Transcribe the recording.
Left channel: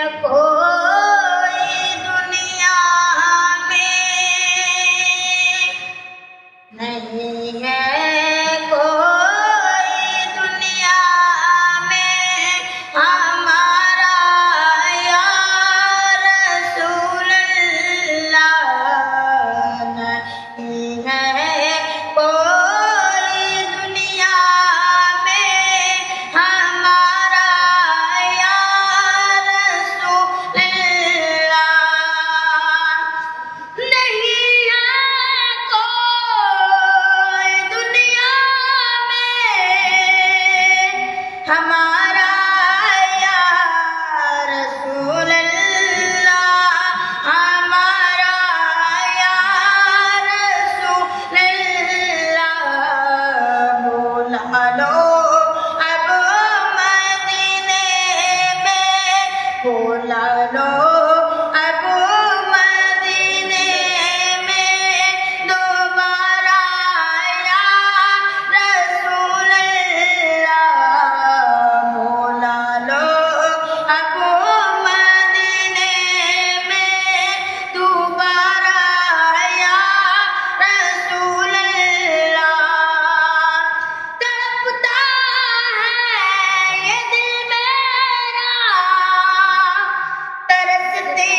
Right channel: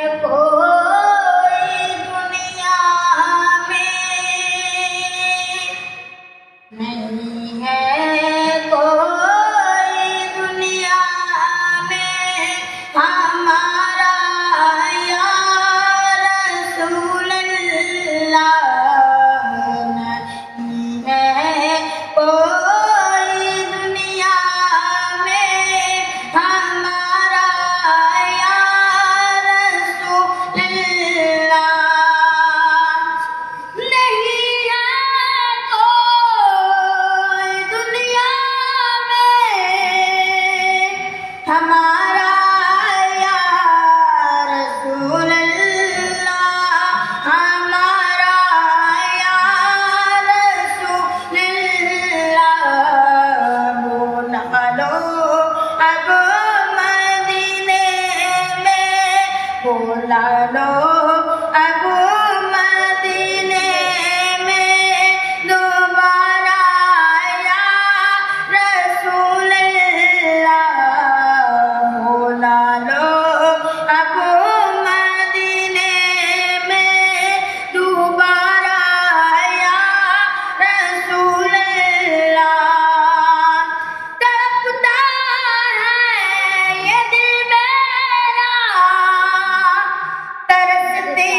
कोई दुनिया में नहीं है, कोई दुनिया में हमारा या रसूल अल्लाह नहीं है, कोई दुनिया में हमारा या रसूल अल्लाह नहीं है, कोई दुनिया में हमारा या रसूल अल्लाह, हमारा या रसूल अल्लाह। बोला लो अब मदीने में, बोला लो अब मदीने में दोबारा या रसूल अल्लाह। बोला लो अब मदीने में दोबारा या रसूल अल्लाह। तड़पता है ये दिल मेरा, तरसती